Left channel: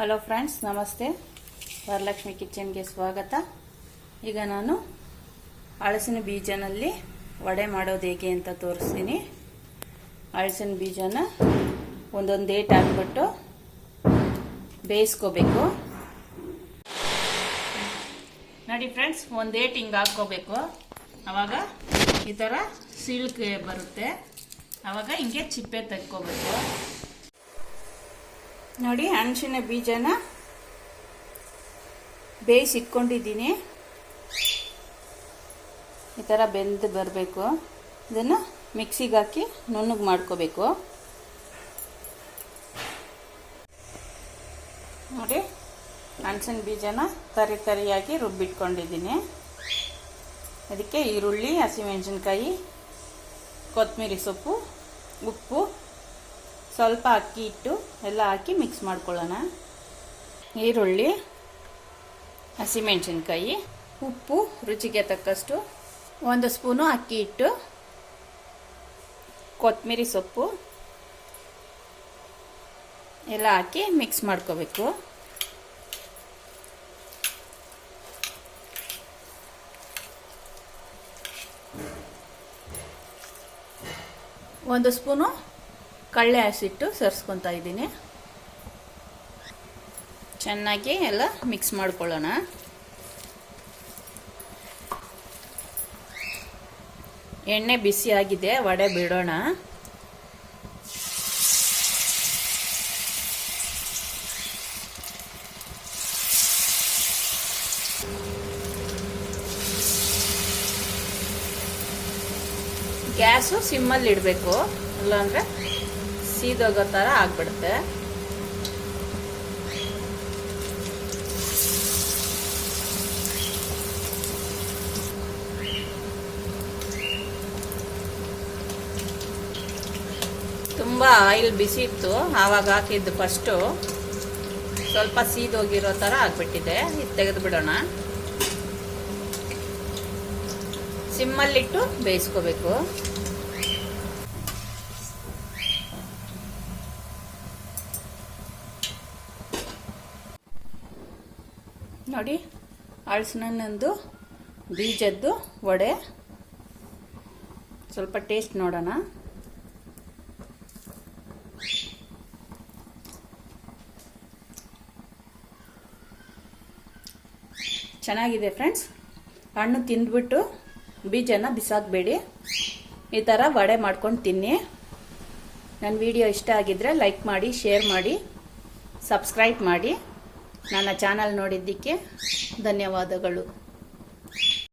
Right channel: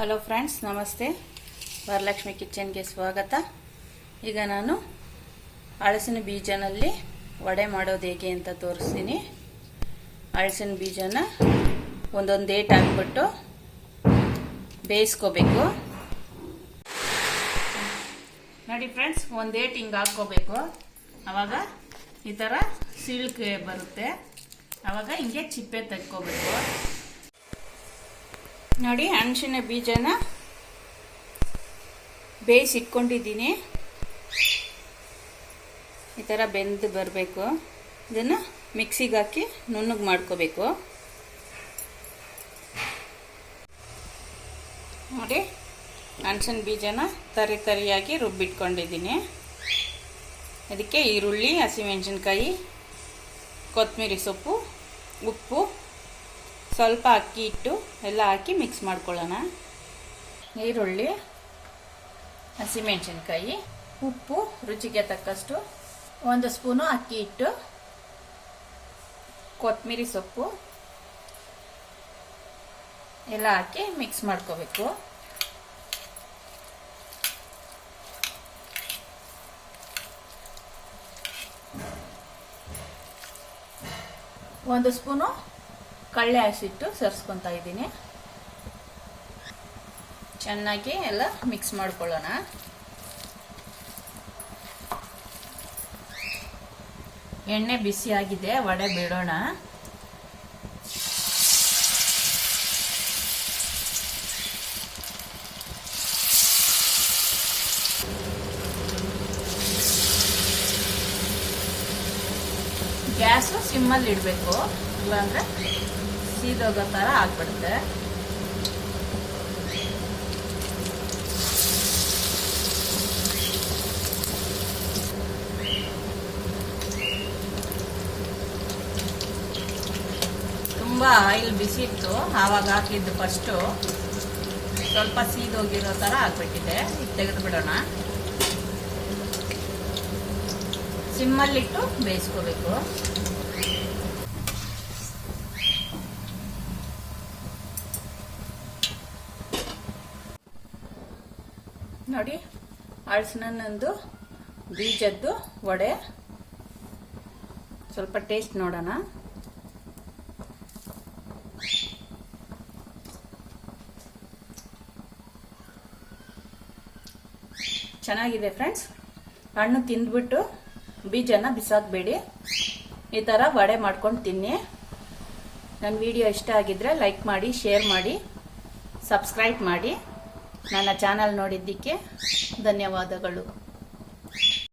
Hello friends ನಮಸ್ತೆ. ವರಲಕ್ಷ್ಮಿ ಕಿಚನ್ಗೆ ಸ್ವಾಗತ. ಈಗ ನಾನು ಹಳಸಿನ ಬೀಜನಲ್ಲಿ ವಡೆ ಮಾಡೋದು ಹೇಗೆ ಅಂತ ತೋರಿಸ್ತೀನಿ. ಹಳಸಿನ ಬೀಜನ ಒಂದೊಂದು ಏಟ್ ಹಾಕ್ಬಿಟ್ಟು ಬೇಯಿಸ್ಕೋಬೇಕು. ನೋಡಿ ಫ್ರೆಂಡ್ಸ್ ಒಂದು ಏಟ್ ಹಿಂಗೆ ಹಾಕ್ಕೋಬೇಕು. ಆವಾಗ ಈ ಥರ ಸಿಳ್ಕೆ ಬರುತ್ತೆ. ಆವಾಗ ಹಿಂಗೆ ಚಿಪ್ಪೆ ತೆಗ್ಕೋಬೇಕು ನೋಡಿ ಹಣಸಿನ ಬೀಜನ ಬೇಯಿಸಿಟ್ಕೊಂಡಿದ್ದೀನಿ. ಈ ಥರ ಬೆಂದು ಬರಬೇಕು. ಇದನ್ನು ಮಿಕ್ಸಿಗೆ ಹಾಕಿ ನುಣ್ಣಗೆ ಮಾಡ್ಕೋಬೇಕು. ನೋಡಿ ಹಣಸಿನ ಬೀಜನ ತರಿ ತರಿಯಾಗಿ ರುಬ್ಬಿಟ್ಕೊಂಡಿದ್ದೀನಿ. ಅದಕ್ಕೆ ಈರುಳ್ಳಿ, ಹಸಿಮೆಣಸಿನ್ಕಾಯಿ ಕೊತ್ತಂಬರಿ ಸೊಪ್ಪು, ಉಪ್ಪು ಸ್ವಲ್ಪ ಅಕ್ಕಿ ಹಿಟ್ಟು ಎಲ್ಲ ಹಾಕಿ ಮಿಕ್ಸ್ ಮಾಡ್ಕೊಳ್ಳೋಣ. ಈರುಳ್ಳಿ, ಹಸಿಮೆಣಸಿನ್ಕಾಯಿ, ಉಪ್ಪು, ರುಚಿಗೆ ತಕ್ಕಷ್ಟು ಒಂದು ಸ್ಪೂನು ಅಕ್ಕಿ ಹಿಟ್ಟು ಕೊತ್ತಂಬರಿ ಸೊಪ್ಪು ಎಲ್ಲ ಹಾಕಿ ಮಿಕ್ಸ್ ಮಾಡ್ಕೋಬೇಕು. ಒಂದು ಸ್ಪೂನು ಕಳ್ಳೆ ಹಸಿಟ್ಟು ಸೇರಿಸ್ಕೊತಾ ಇದ್ದೀನಿ. ಚೆನ್ನಾಗಿ ಎಲ್ಲ ಮಿಕ್ಸ್ ಮಾಡ್ಕೊಳ್ಳೋಣ. ಎಣ್ಣೆ ಬಿಸಿ ವಡೆ ಬಿಡೋಣ. ಗ್ಯಾಸು ಸಿಮ್ಮಲ್ಲಿ ಇಡಬೇಕು. ಇಲ್ಲಾಂದ್ರೆ ಸೀದೋಗೋ ಥರ ಆಗ್ಬಿಡುತ್ತೆ. ತುಂಬ ಆಯಿಲ್ ಬಿಸಿ ಇತ್ತು ಆವಾಗ ಹಾಕಿದ್ದು ಫಸ್ಟು ಸ್ವಲ್ಪ ಸೀದೋಗಿರೋ ಥರ ಹಾಕ್ಬಿಟ್ಟಿದೆ ಇದು ತೆಗೆದು ಬಿಡೋಣ ಸಿಮ್ಮಲ್ಲಿಟ್ಟು ಬೇಯಿಸ್ಕೋಬೇಕು. ನೋಡಿ ಅಳಸಿನಂದು ಬೀಜದ್ದು, ವಡೆ. ಸ್ವಲ್ಪ ಟೇಸ್ಟ್ ನೋಡೋಣ. ಚೆನ್ನಾಗಿದೆ ಫ್ರೆಂಡ್ಸ್ ಹಣ್ಣು ತಿಂದ್ಬಿಟ್ಟು ಬೀಜನ ಬಿಸಾಕಬೇಡಿ. ಈ ಥರ ವಡೆ ಮಾಡ್ಕೊಂಡು ತಿನ್ನಿ. ನನ್ನ ವಿಡಿಯೋ ಇಷ್ಟ ಆಗಿದ್ರೆ ಲೈಕ್ ಮಾಡಿ ಶೇರ್ ಮಾಡಿ ಸಬ್ಸ್ಕ್ರೈಬ್ ಮಾಡಿ. ನನ್ನ ಚಾನಲ್ ನೋಡಿದ್ದಕ್ಕೆ ಧನ್ಯವಾದಗಳು.